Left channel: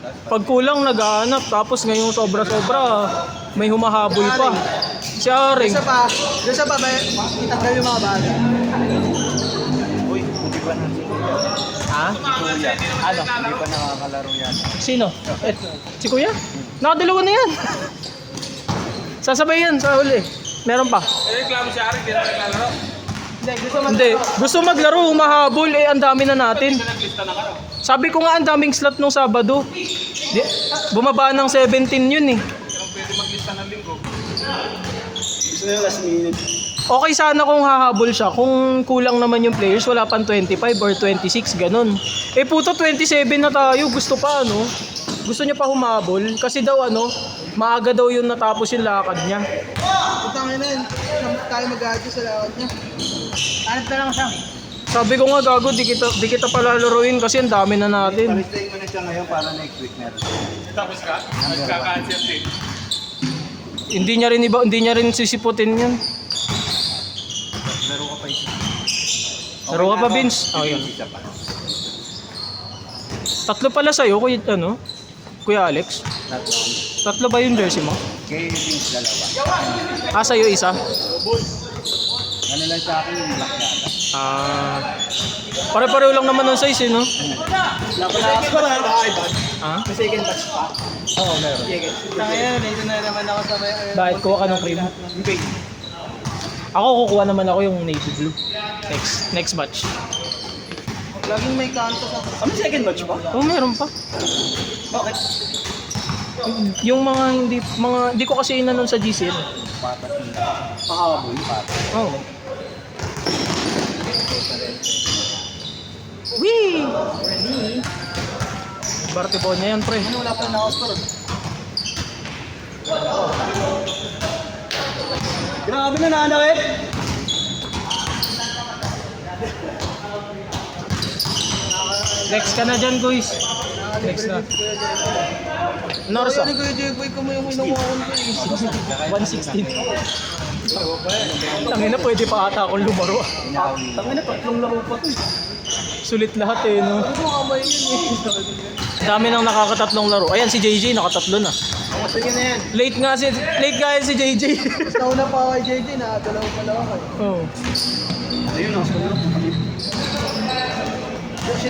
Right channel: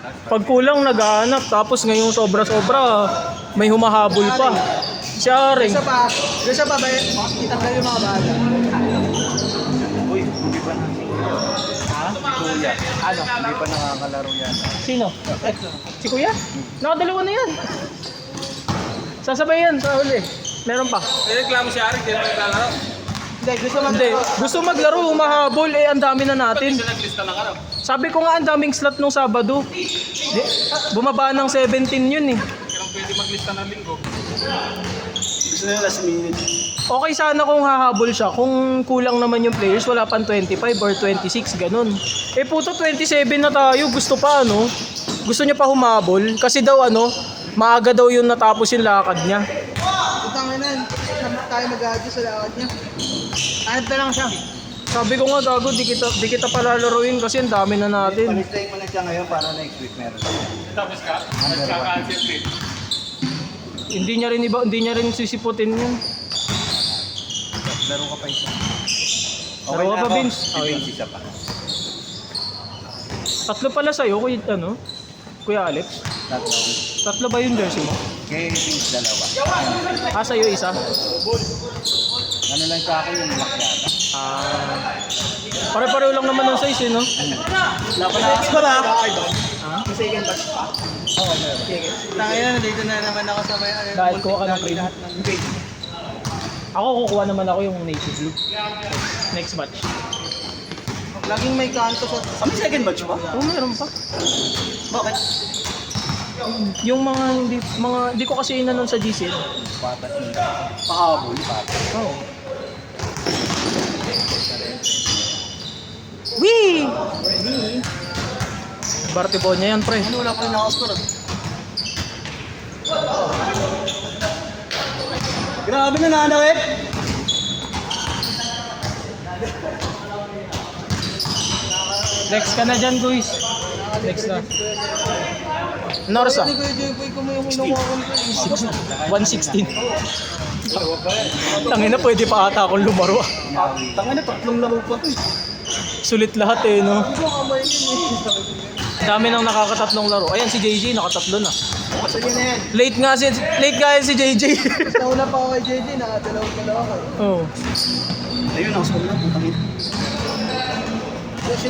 Pag kulang naghahanap, tapos ngayong sobra-sobra, may humahabol pa. Si Aring. Isa pa ba, itanggal yung mga baga. Uy, hindi pa na. Ha? Kuya. Ano? Hindi pa nakakalaro yan. Sino? Si Kuya? Nakadalawa na yan. Sasabay yan sa huli. Meron pa. Reklamo si Arik, hindi naman naglalaro. Hindi. Gusto maglaro, humahabol. Ang dami na natin. Naglista na ka. Sabi ko nga, ang daming slot nung Sabado. Bumaba ng 17 yun eh. Kailang pwede maglista ng linggo. Gusto nyo last minute. Okay sana kung hahabol siya. Kung kulang naman yung players, wala pang 25 or 26, ganun. Puto 27 na tayo. Gusto pa ano? Gusto niya pa humabol. Kasi daw maaga daw yun natapos yung lakad niya. Utangin na, tayo mag-adjust sa lakad niya. Hanap na lang siya. Sabi ko nga, gago, di kita palalaruin kasi ang dami na natin. Palistayin mo na siya ngayon para next week meron. Tapos ka? Number one. Nagka-cancel din. Hindi niya rin sisiputin yun. Laro ka pa isa. Laro ka pa, na ako. Vince? Si Okay. Vince isa pa. Tatlo pala sa'yo, Kuya Alex. Tatlong. Tatlo ba yung jersey mo? Kay Vince dalawa. Sa'yo isa? Ano lang sa akin yung black yata. Pare-pareho lang naman ng size no? Lapas ko ba? Ha? May second pass. Oo, meron. Sige. Tangin na, dito na naman ako sa may... Bakit kuha ka ng cream? Ako kukuha naman ako yung navy blue. Next batch. Laging may kanto sa... Ano second match ba? Oh, meron pa. Bakit? Yung hindi ko kasi inanon sa GC. Patas yung pahabol. Patas. Oo. Wee! Bartibonya yan, pre. Wala pa na ako score. Grabe na nanawit. Next ka na dyan, guys. Next na. Norsa. Ano Kuya Jeboy ko mo yung hinuwakan ko eh. 116. Tangina, pwede pa ata akong lumaro. Tangin na, tatlong laro pa to eh. Sulit lahat no? Ano ang kamay yun eh. Dami nang nakakatatlong laro. Ayan, si JJ nakatatlo na. Sige na yan. Late nga si JJ. Mas nauna pa ako kay JJ, nakadalawa pala ako eh. Oh. Ayun, ako na.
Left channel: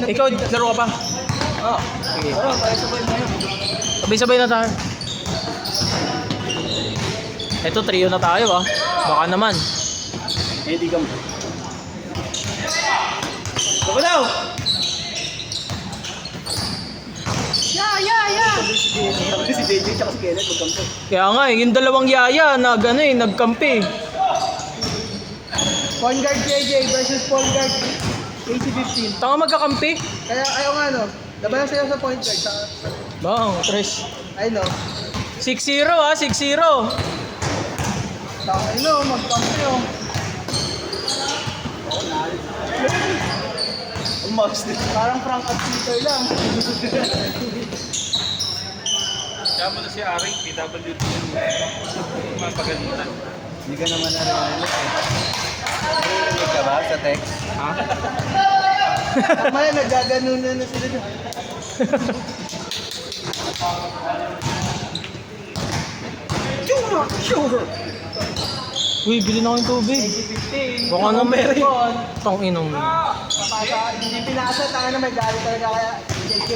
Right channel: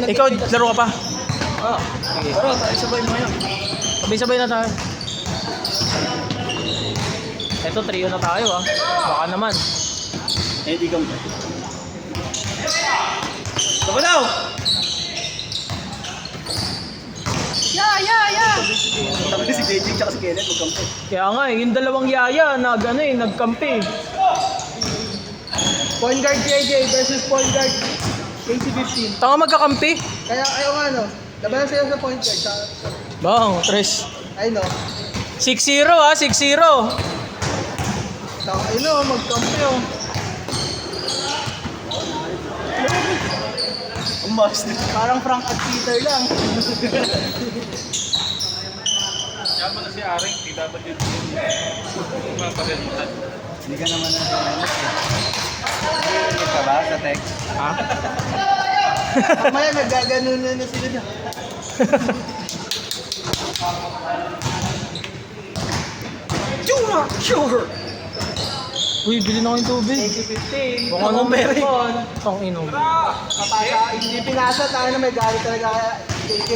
Ikaw, laro ka pa? Ah, Sige. ayun, tayo sabay mo yun. Sabay-sabay na tayo. Ito, trio na tayo Baka naman. Eh, di ka mo. Ako daw! Si JJ tsaka si Kenneth magkampi. Kaya nga yung dalawang yaya nagkampi. Point guard JJ versus point guard KC15. Tanga magkakampi. Kaya ayaw nga no, labanan sila sa point guard. Bang, tres. Ay no, 6-0 6-0. takay no, magkampi oh. Ang mas Parang Frank at Peter lang. Kaya mo na si Arik, PWD. Mapaganutan. Hindi ka naman narinig eh. Narinig ka ba sa text? Ha? Mamaya nagaganon na sila dyan. Sugar! Uy, bilhin ako yung tubig. KC15. Baka nang meron. Pang inom. Hindi pinasa, tayo na may galit talaga kaya JJ.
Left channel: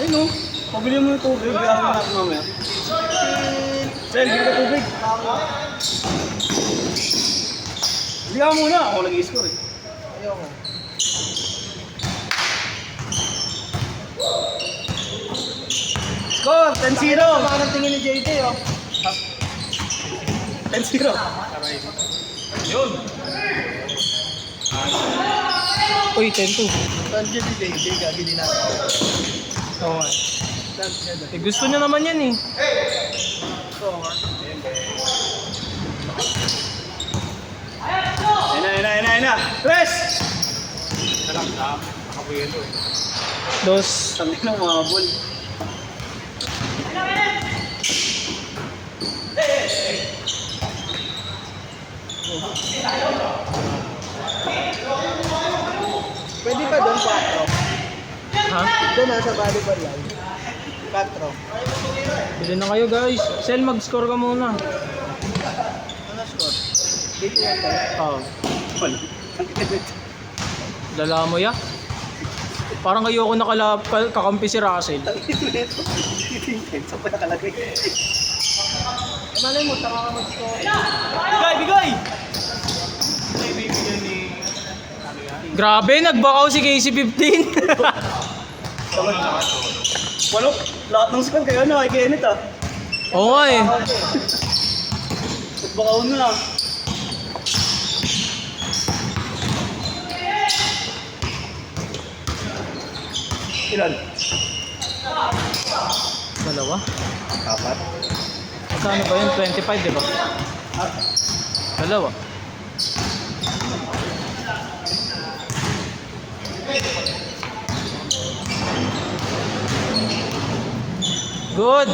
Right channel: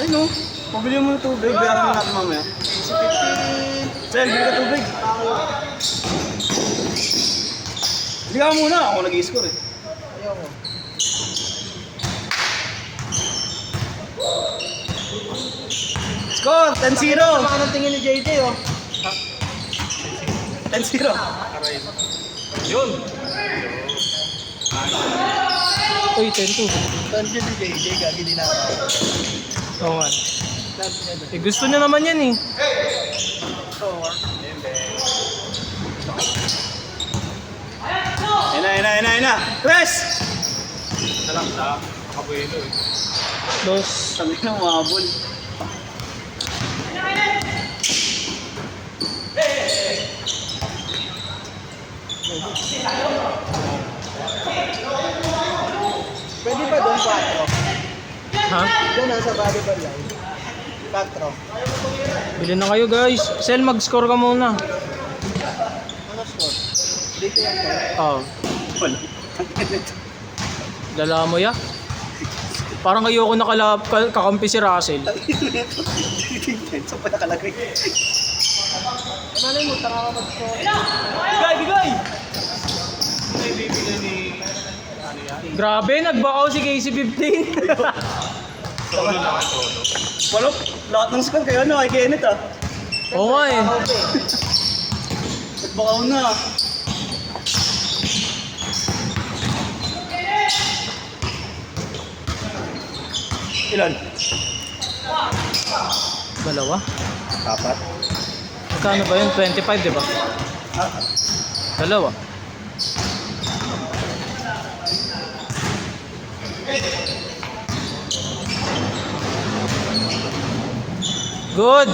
Ay no, pabili mo yung tubig. Bilang mo natin mamaya. 15. Sir, hindi ka tubig. Hindi ka muna. Ako nag-i-score eh. Ayoko. Score! 10-0! Sama ng tingin ni JJ oh. 10-0. Yun. Uy, 10-2. Tandiyan si JJ, gagi din natin. Oo nga. Love niya doon. Gusto niya naman yan Score. Ayun na. Chris! Alam na, Abuelo eh. Dos. Sabi na umabol. Pwede ba doon 4? Ha? Doon na sa volleyball line. 4. Bili na kayo guys. Sel, mag-score ka muna. Ano score? Dito yan tayo. Oh. Dala mo ya? Parang ayoko kakampi si Russell. Sa pa nakalagay. Malay mo, tanga ka mag-score. Bigay! Grabe, nagbakaw si KC-15. Walo, lahat ng score kayo na, kay Kenneth ah. Oo nga eh. Nagbakaw na. Ilan? Dalawa? Apat. Magkano ba yun? 25, di ba? Dalawa. Good!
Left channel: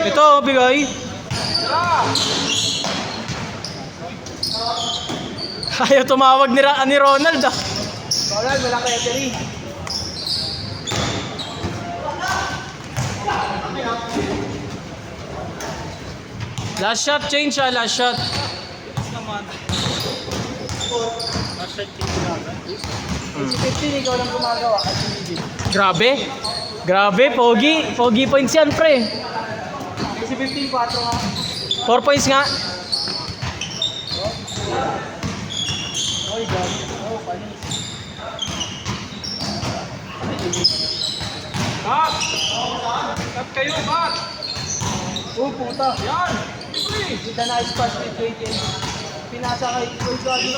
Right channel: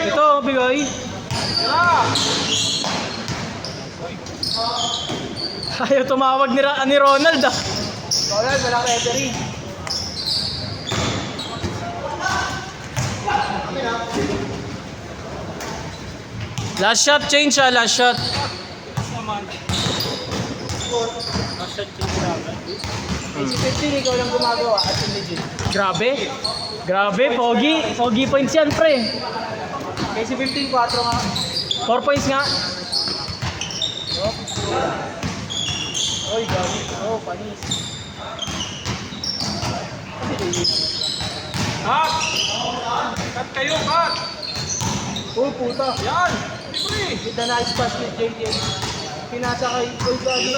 Ito, bigay. Ayaw tumawag ni Ronald ah. Ronald, walang referee. Last shot, change ah, last shot. Si 15, ikaw lang gumagawa. At si Legit. Grabe. Grabe, pogi. Pogi points yan, pre. Kaya si 15, 4 nga. 4 points nga. Oy, gabi. Oh, panis. Cut kayo, cut! Oh, puta. Yan! With the nice pass ni JJ. Pinasa kay Oy, gabi.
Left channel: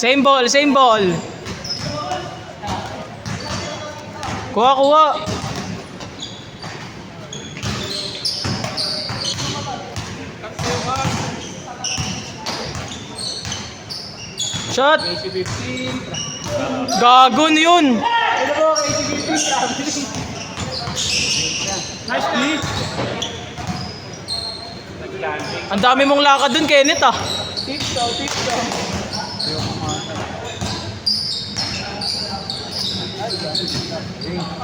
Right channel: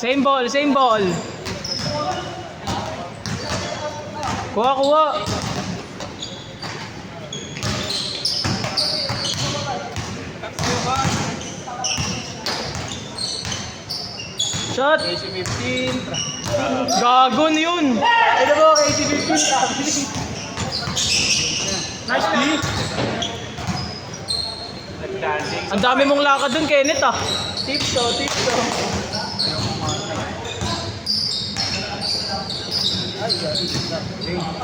Same ball, same ball. Kuha, kuha. Shot. Kaya si 15. Gagon yun. Ano ba, kaya si 15, traveling. Nice play. Ang dami mong lakad dun, Kenneth ah. Tips to, tips to.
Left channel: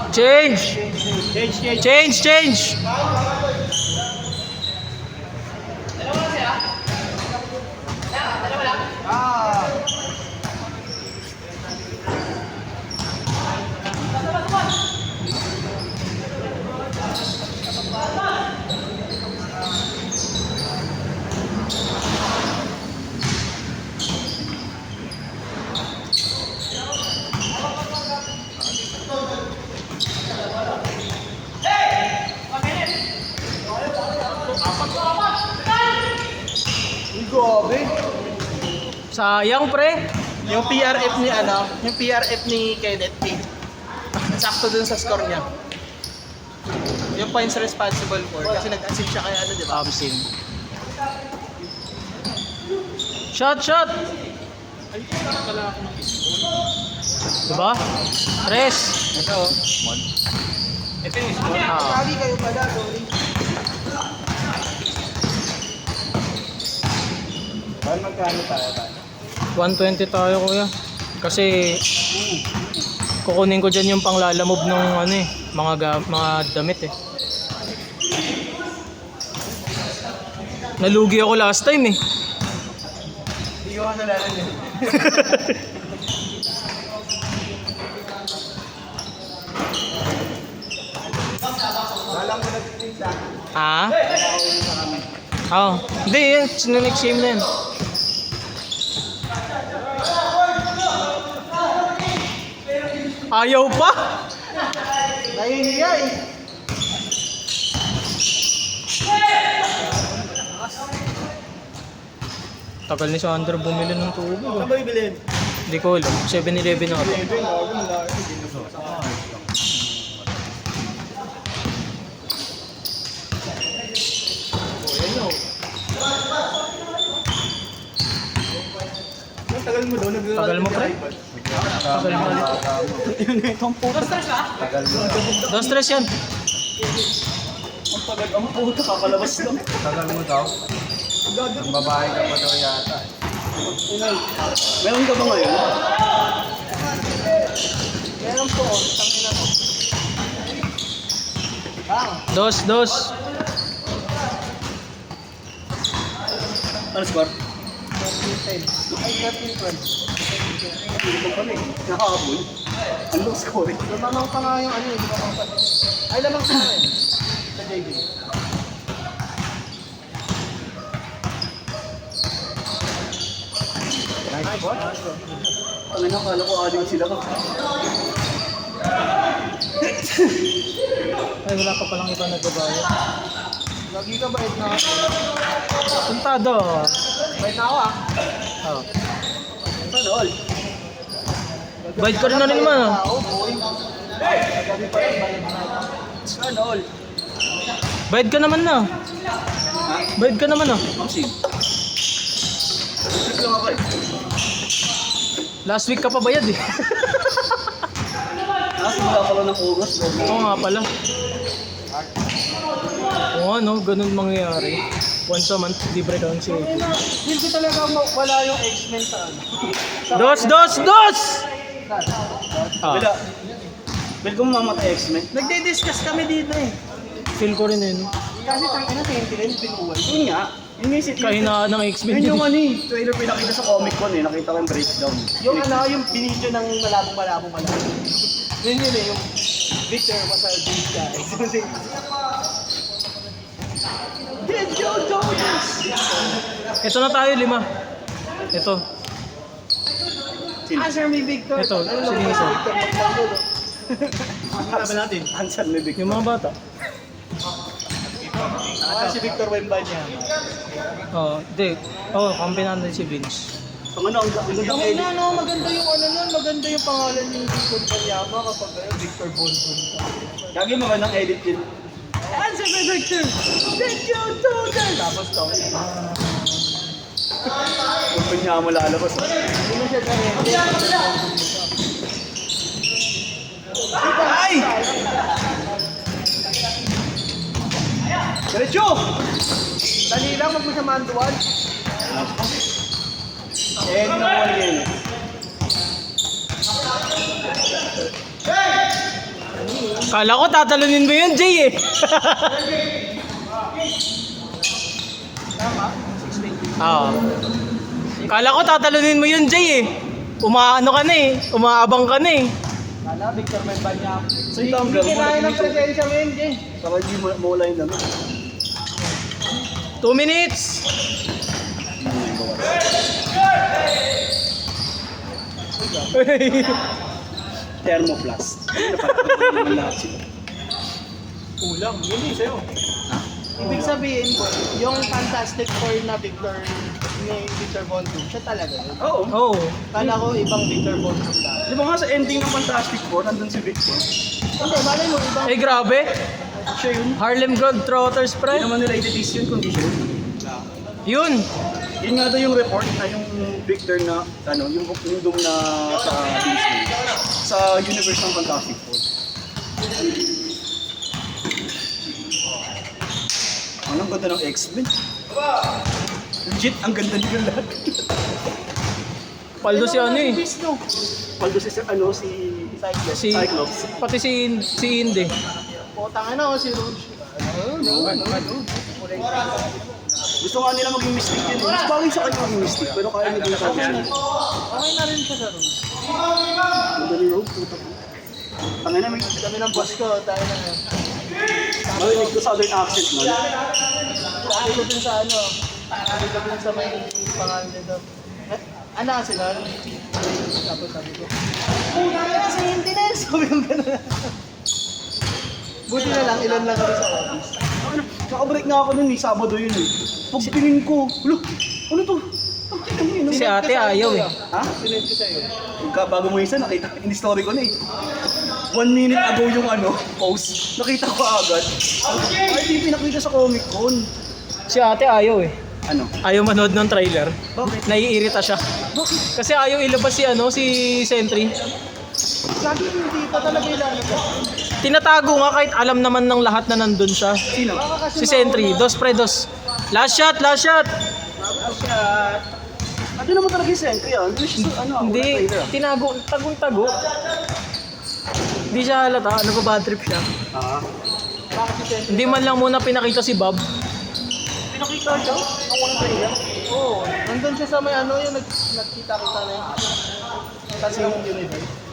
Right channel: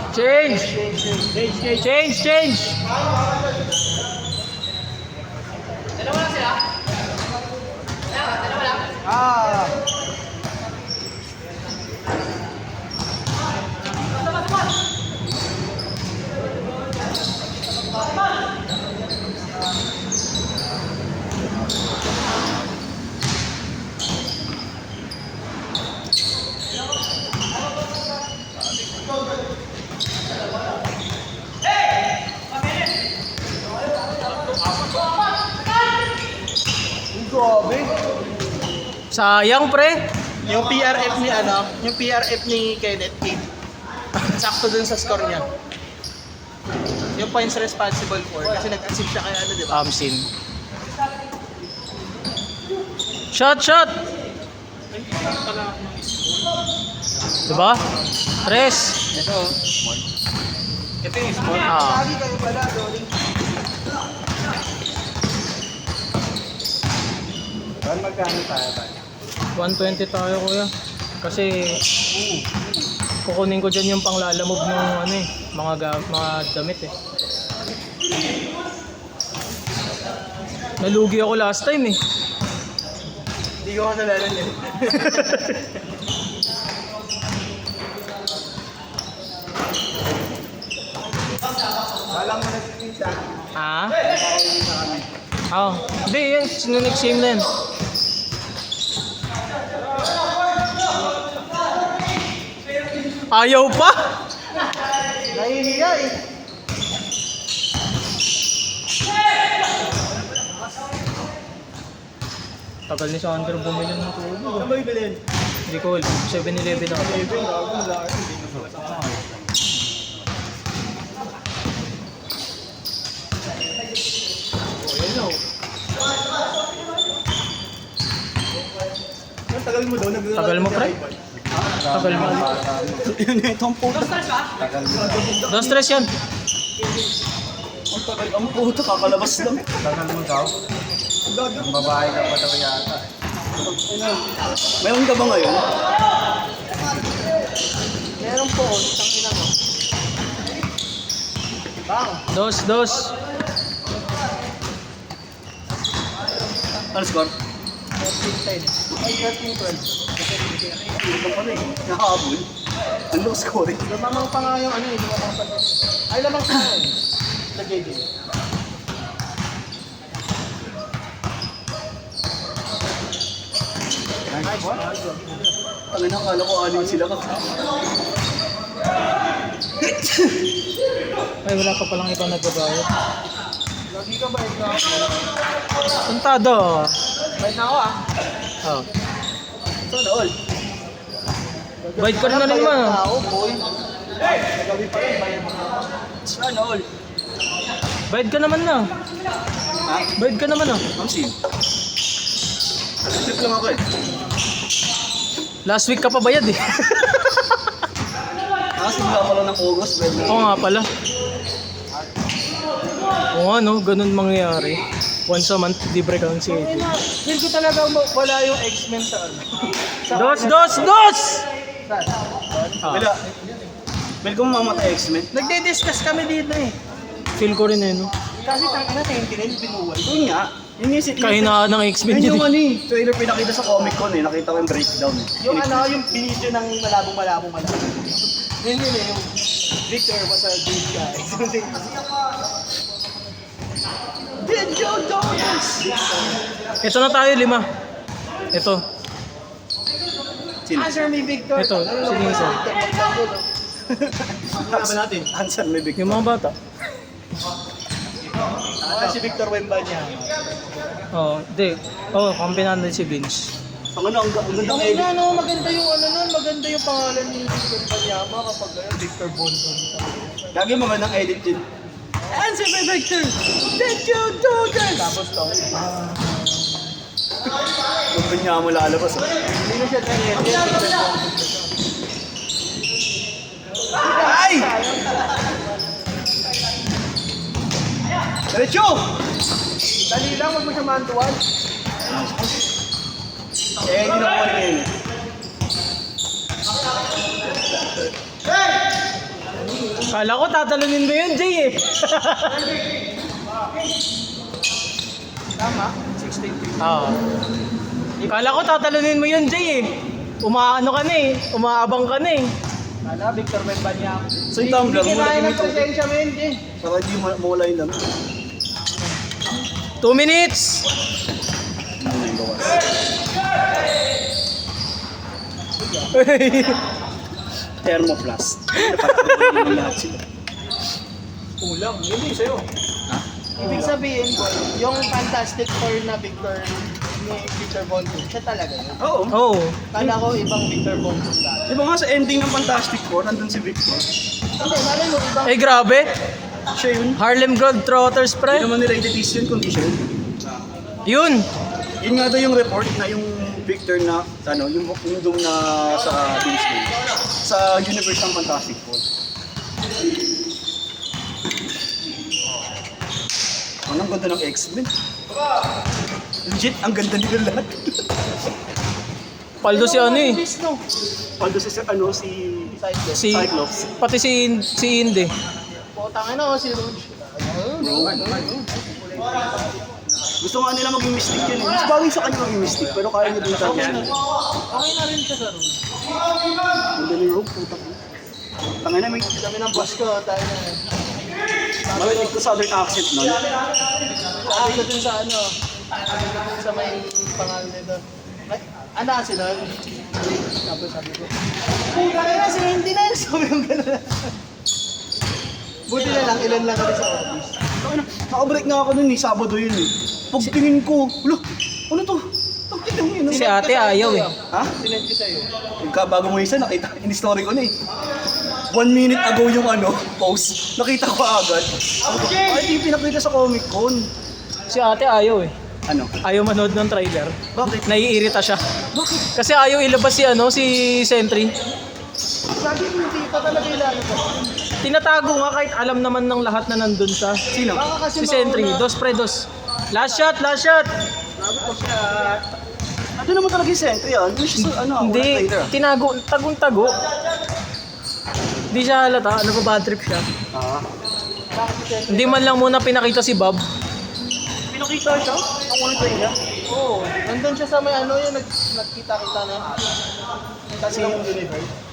Change. Change, change. Ah. Uy, gabi. Sayang, pre. Yung PRF ni yung PRF ni Kenneth King. Sakto dun sa score niya. Yung points responsible for kasi nag-assist siya kay di ba? Amsing. Shot, shot. Diba? Press. Ito. Ito yung score. Lagi kayo pala, sorry. Saan magkano tayo ba? 120 tayo, kuya. Kasi kukunin ko dyan yung panglalamove ng ano eh, mga damit eh. Nalugi ako last time eh. Hindi ko kasalanan eh. Walang mo nagpipinsa. Ha? Oh, hindi yan. Next game na yan. Ayaw pa? Nahihiya eh. Tagal ni Sander bumili ng tubo. Ano ba ibilin? Hindi ko alam. 7-Eleven ako. Ang tagal mo daw, Tagal mo, pre? Sabi ng bata mo. Ito ang puto. Tagal mo daw. No stress yan. Ang puto, kakalabas lang. Tagal mo daw. Ang babae ka pa daw yata. Meron ka ba ngayon? Dos. Ano score? Nakahabol. Ang low scoring. Lamang pa nga yung ano eh, lamang pa. Ay, lamang pa nga eh. Sa JD. Ang nakakala ko aling sila ka. Ay, wala pa palang iba nagbabayad. Lagi ka bait na ako. Puntado. Bait na ako ah. Oh. Sana all. Bayad ka rin na rin naman ah. Ako, boy. Sana all. Bayad ka naman na. Bayad ka naman ah. Ang sim. Trip lang ako eh. Last week ka pa bayad eh. Nakasimula ko lang ng August. Oo nga pala. Oo ano, ganun mangyayari. Once a month, libre ka ng COD. Feel ko talaga wala yung X-Men sa ano. Dos! Wala. Ah, Bel ko mamatay X-Men. Nagde-discuss kami dito eh. feel ko rin eh, no? Kasi tangina, tingin binuwal. Yun nga. Yun yung sit. Kahinaan ng X-Men Yun dyan yung eh. ano eh. Trailer pinakita sa Comic Con eh. Nakita ko yung breakdown. Yung ano, yung binidyo ng malabong. Yun eh, yung Victor was a good guy. Video dominance! Ito na tayo, 5. Ito. Answer me, Victor. Ito, Ano sige, ba ito. Victor? Magtanggol, oh. Ano ba natin? Hansan may big. Yung mga bata. Si Victor Wembanyama. Oo, di. Oo, kampi natin si Vince. Ang ano, ang ganda ng Ang edit. ina, no, maganda yung ano nun, maganda yung pangalan ni Victor Wembanyama kapag Victor Bondon. Gagi mga ng edit yun. Answer me, Victor! Did you do this? Tapos to, Kung niya malalabas. hindi mo siya na-edit. Ay! Diretso! Dali lang, wag mo siya mantuan. Eh, hindi na ko ngayon. Kala ko tatalunin mo yun, Jay eh. Oo. Kala ko tatalunin mo yun, Jay eh. Umaano ka na eh. Umaabang ka na eh. Kala, Victor Wembanyama. So yung tumbler, Hindi kinain ng presensya mo yun, Jay. saka hindi mawala yung dami. 2 minutes! Thermoplast. Napatay yung lahat sila. Kulang, hindi sa'yo. Ibig sabihin, boy, yung Fantastic Four na Victor ni Victor Von Doom, siya talaga yun. Oo. Oo. Kala ko ibang Victor Von Doom dati. Di ba nga sa ending ng Fantastic Four, nandun si Victor. Hindi, malay mo, ibang... Ay grabe. Siya yun. Harlem Globetrotters Hindi pre. naman nila i-release yun kundi siya yun. Yun. Yun nga daw yung report na yung Victor na, ano, yung doom na sa Disney. Sa universe ng Fantastic Four. Ang ganda ng X-Men. Legit, ang ganda nila lahat. Paldo si ano eh. Beast, no? Paldo si, ano, si Cyclops. Si, Cyclops. pati si Inde. Potang ano, si Rouge. Ano? Gusto nga nila maging mystic yun. Mas bagay sa kanya maging mystic, pero kaya niya din sa Okay na kanya. rin. Okay na rin siya sa Rouge. Ganda ni Rogue, puta ko. Tangin na may... Kami ng boss ko, tayo na. Marinig ko southern accent nun. Sabi ko dun sa ano, sabi ko dun sa may pangalan nito. Ano sila? Tapos sabi ko, puta na kasi hindi na yun. Sabi yung gano'n. Buti na lang, ilan lang kami sa office. Nakabreak nga ako nun eh, Sabado yun eh. Pagtingin ko, look, ano to? Si ate ayaw eh. Ha? Sinend ko sa'yo. Bago mo isa, nakita, in story ko na eh. 1 minute ago yung ano, post. Nakita ko agad. Ay, di pinakita sa Comic Con. Si ate ayaw eh. Ano? Ayaw manood ng trailer. Bakit? Naiirita siya. Kasi ayaw ilabas si ano, si Sentry. Lagi hindi pa talaga ilan ko. Tinatago nga kahit alam naman ng lahat na nandun siya. Sino? Si Sentry, dos pre dos. Last shot, last shot. Ano naman talaga yung sentry yan? Hindi, tinago, tagong-tago. Hindi siya halata, ano pa bad trip siya. Ah. Bakit yung sentry? Hindi man lang muna pinakita si Bob. Pinakita siya? Ang ulo tayo niya? Oo. Nandun siya sa may ano yung nagkita-kita na yung tatlong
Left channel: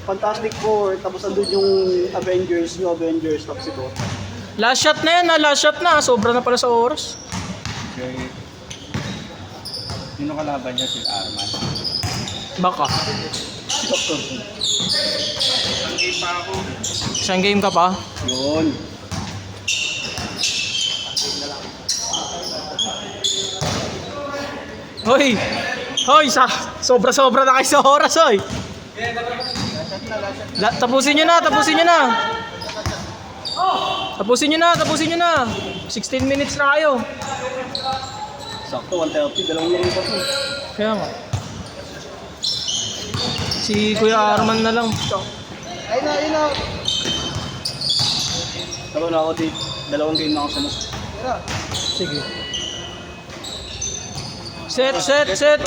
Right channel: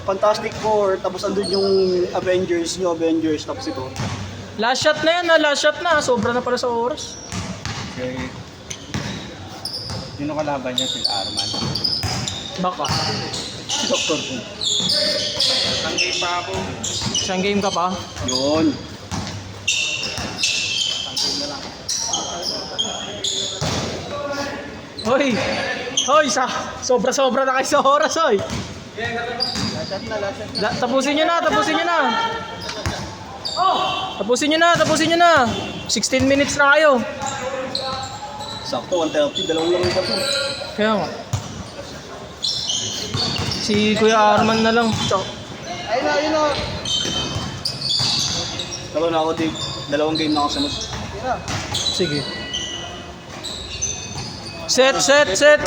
Fantastic Four, tapos andun yung Avengers, New Avengers, tapos ito. Last shot na yan, last shot na. Sobra na pala sa oras. Okay. Sino kalaban niya? Si Arman. Baka. Doctor Who. Isang game ka pa. Yun. Hoy! Hoy! Sobra-sobra na kayo sa oras, hoy! Tapusin nyo na, tapusin nyo na! Tapusin nyo na, tapusin nyo na! 16 minutes na kayo. Sakto, 130, dalawang lang yung tatlo. Kaya nga. Si Kuya Arman na lang. ayun na, ayun na. Dalawa na ako, date. Dalawang game na ako sa nas. Tira. Sige. Set, set, set!